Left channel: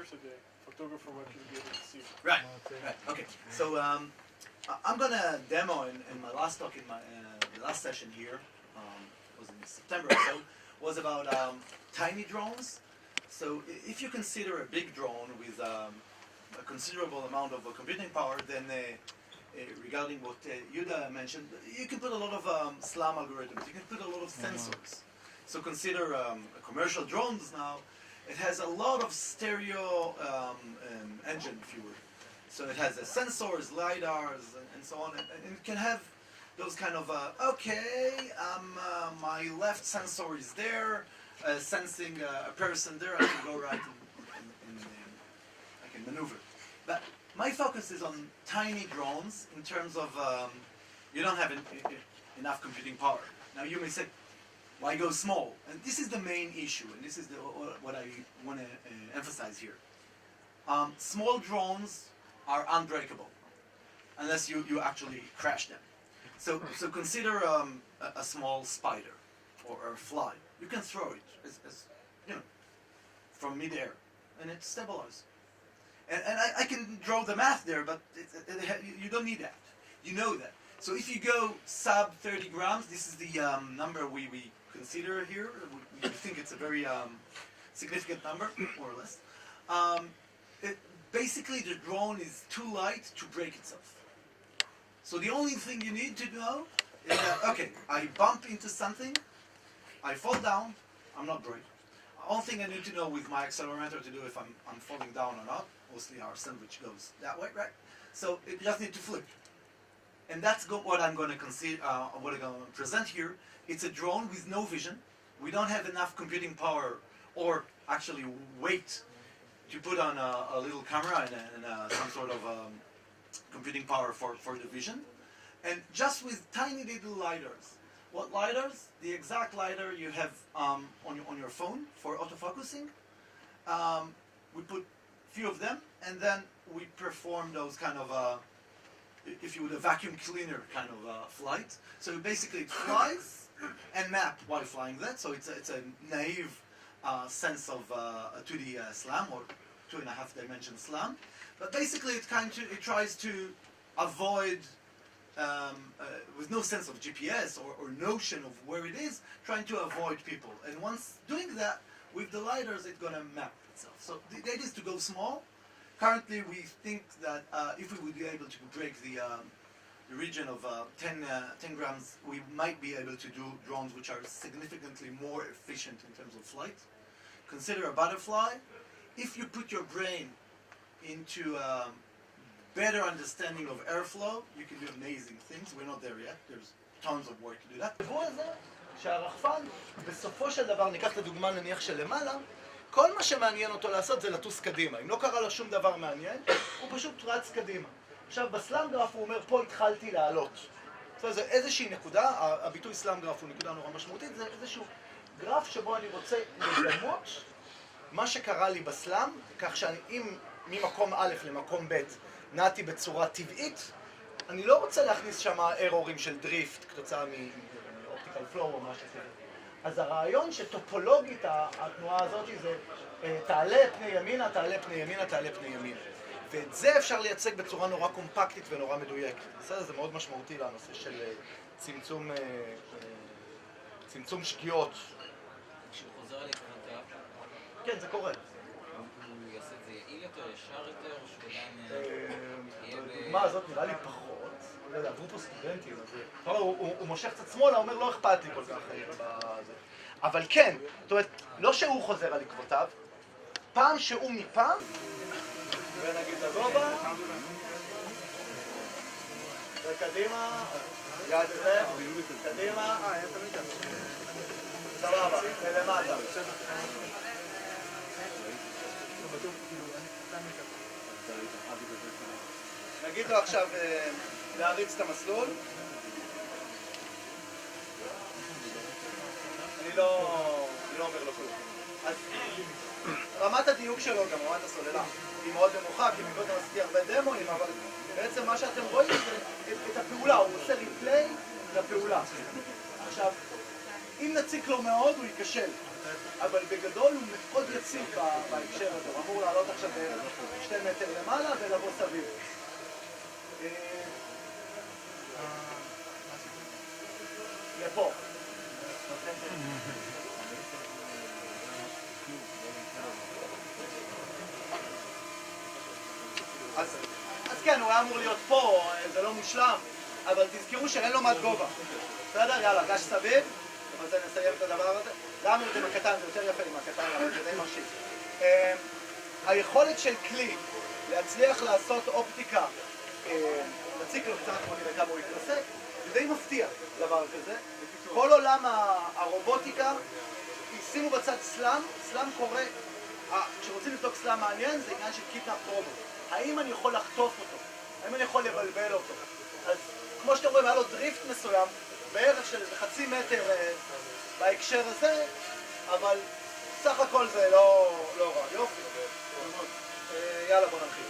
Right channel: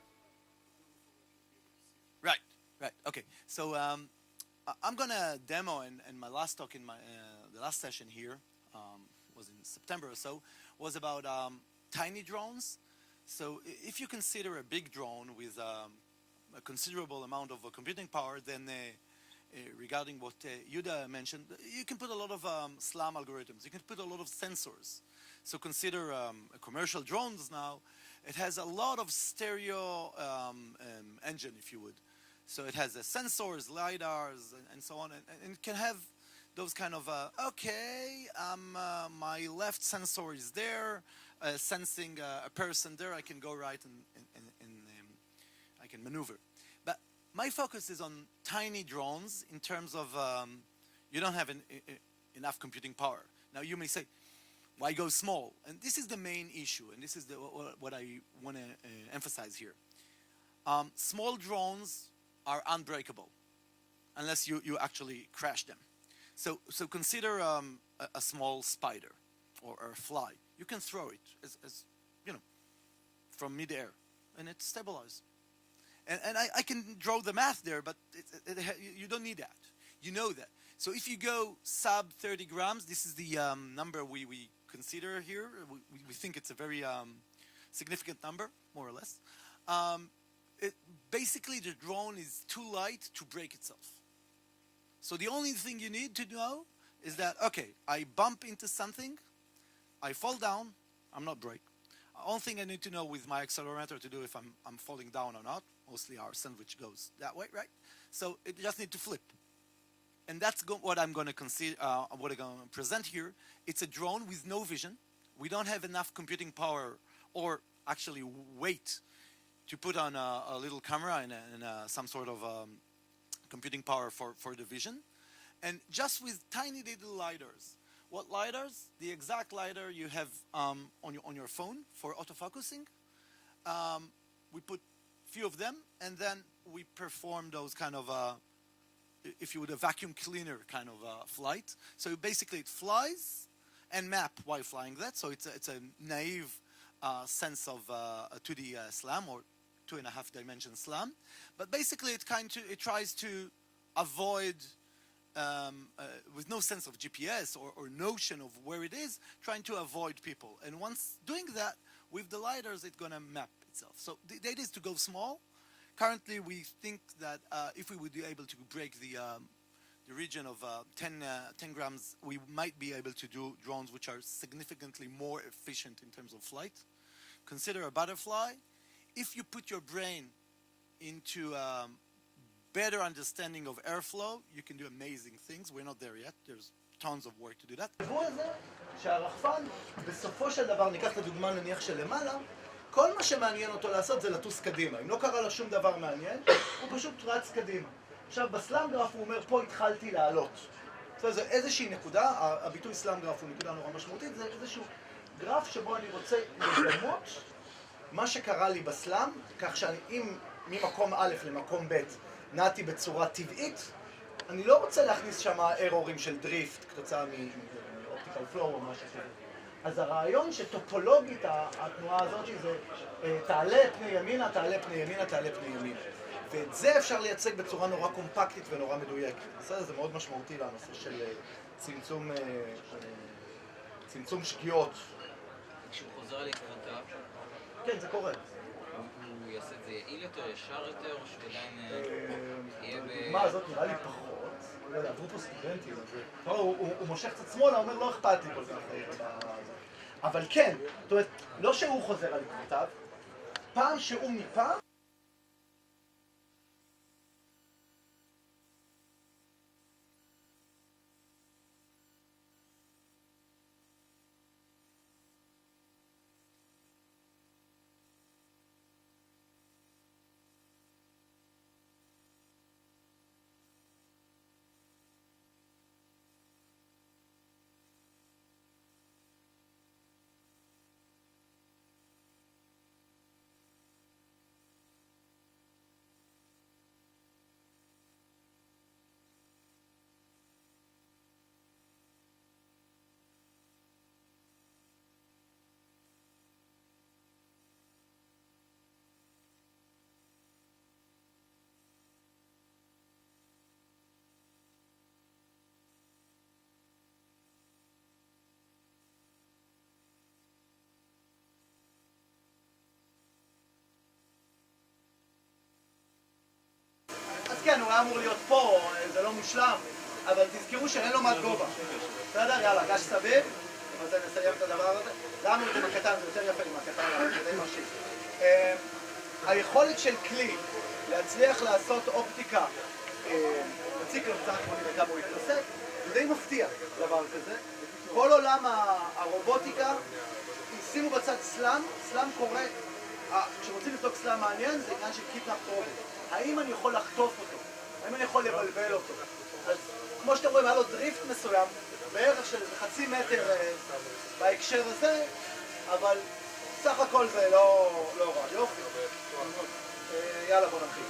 years ago, photographer might be able to see. Right. Okay. So I'm gonna demo in my last talk in my the last session here was in September or so, was about tiny drones. So if you consider a big drone with a considerable amount of computing power, then regarding what Yuda mentioned, you can put a lot of SLAM algorithms. You can put a lot of sensors. So consider commercial drones now. It has a lot of stereo engine, if you would. So it has sensors, lidars, and so on, and it can have those kind of my left sensor is there, sensing a person there. I can go right and I can maneuver. But my focus is on tiny drones in terms of you don't have enough computing power. Now you may say, why go small? And this is the main issue, and this is what I want to emphasize here. Small drones are unbreakable unless you actually crash them. So consider a small spider or a fly. You can throw it as you know, from midair, and it stabilizes. And I can draw the math there, but you don't need that. You know that. So if you go sub 30 grams, this is the number we consider here. We think it's a very significant number, more or less. Basically, the drone is too light to break itself. So the only thing you need to know is that, okay, I bump into something, I fall down, I'm not break. The only thing I need to know with my accelerometer to do if I'm falling down or not, mostly our sandwich goes that way, right? So it just need to flip. And that's what I'm going to consider, what I'm going to present here. It's a drone with no vision. We don't have enough computing power or actually weight to put on a little camera and some sort of computing power for the vision. And just with tiny little lidars. What lidars? The exact lidar you have on your phone for autofocusing. We put few of them, and then we perform those kind of if you would, a vacuum cleaner kind of flight. So basically it flies and map while flying that. So it's a naive sense of a 2D SLAM or 2.5 dimension SLAM. But basically it tries to avoid, with no sense of GPS or notion of where it is, trying to avoid people. And once doing that, with the lidars, it's going to map itself. So the idea is to go small. Currently, we think that if we would be able to break the region of 10 grams, we might be able to do drones which are significantly more efficient in terms of flight. Consider a butterfly. If you put your brain into better understanding of airflow, you can do amazing things. We're not there yet. There's tons of work to do that. שהרחפן, בסופו של דבר, ניקח את הדוגמה נניח שלמעלה, כל מה שמעניין אותו לעשות זה לטוס קדימה. אם לא קרה לו שום דבר מעניין, הוא פשוט רץ קדימה. עכשיו, בסלאם גרף הוא אומר, פה התחלתי לעלות. זה איזושהי נקודה, הביטוי סלאם גרף הוא נקודה נורא משמעותית, זה איזשהו גרף שבו אני רוצה לדמות מה שקרה לי בסלאם, כך שאם ממקום א' למקום ב' נעתי בצורה טבעית, אני לא רוצה להכניס שם ארורים של דריפט כתוצאה מאופטיקל פלואו או משהו כזה. אז הרעיון שטופולוגית התנועה הזאת זה תעלה פני ימינה, תעלה פני ימינה, תעלה פני ימינה. ואת זה אפשר לייצג בצורה נורא קומפקטית ונורא מדויקת. זה מאוד משמעותי לנושא של צמצום שגיאות. כשהוא חוזר לקוונטה? כן, זה קורה. הוא יעשה את זה יעיל יותר, ישר יותר, או שהוא עדיין בדוגמה הזאת נראה לי פחות. לא יודע, עברו פה סטודנטים, הוא מושך קצת שמאלה, אומר לא אכפת לי כל כך. אבל כן, זאת אומרת, לא שהוא חוזר על עקבותיו, פעם שהוא מפעם, ונגיד לגובה, וקדימה, יד זה, קדימה, סבבה, ולמטה. נגיד לו עכשיו להריץ את המסלול. אני לא אומר לו כלום. אז רמת הדיוק שלו, גם רמת הסוללה, היא מאוד נמוכה, כי מקודם עשיתי הרבה דמוים, אבל בעצם מה שאתם רואים זה את הפעולה, הוא עושה ריפליי לפעולה. עכשיו, אם נציק לו מאוד, הוא ייכשל. אבל בגדול הוא מאוד יציב בהקשר הזה, הוא אמור לעלות עכשיו 2 מטר למעלה ולבוא סביב. לפה. אז כן, הוא היה אמור להיות פה, זה לא מושלם, אבל תזכרו שאין לו מד גובה. בסדר? יאללה, גש סביב, ובזה נסיים את הדבר הזה. גם אם אתם הקטן, זה יותר יפה עם הקטן, אבל זה די מרשים. היכולת של כלי להצליח לעשות אופטיקה, נציג לו קצת כמו נראה כמה הוא יתנסק, זה די מפתיע דבר כזה. כל עולם הרובוטיקה, שימו בצד סלאם, סלאם קורה, כשרוצים לבדוק סלאם מעניין זה עניין של קידנאפ רובוט. האם אני יכול לחטוף אותו? האם אני יכול לבלבל אותו? אז כמו שאתם רואים, היה לו דריפט מסוים, בערך של חצי מטר בהקשר הזה, אבל סך הכל זה לא רע. יופי. יאללה, בוא נתחיל.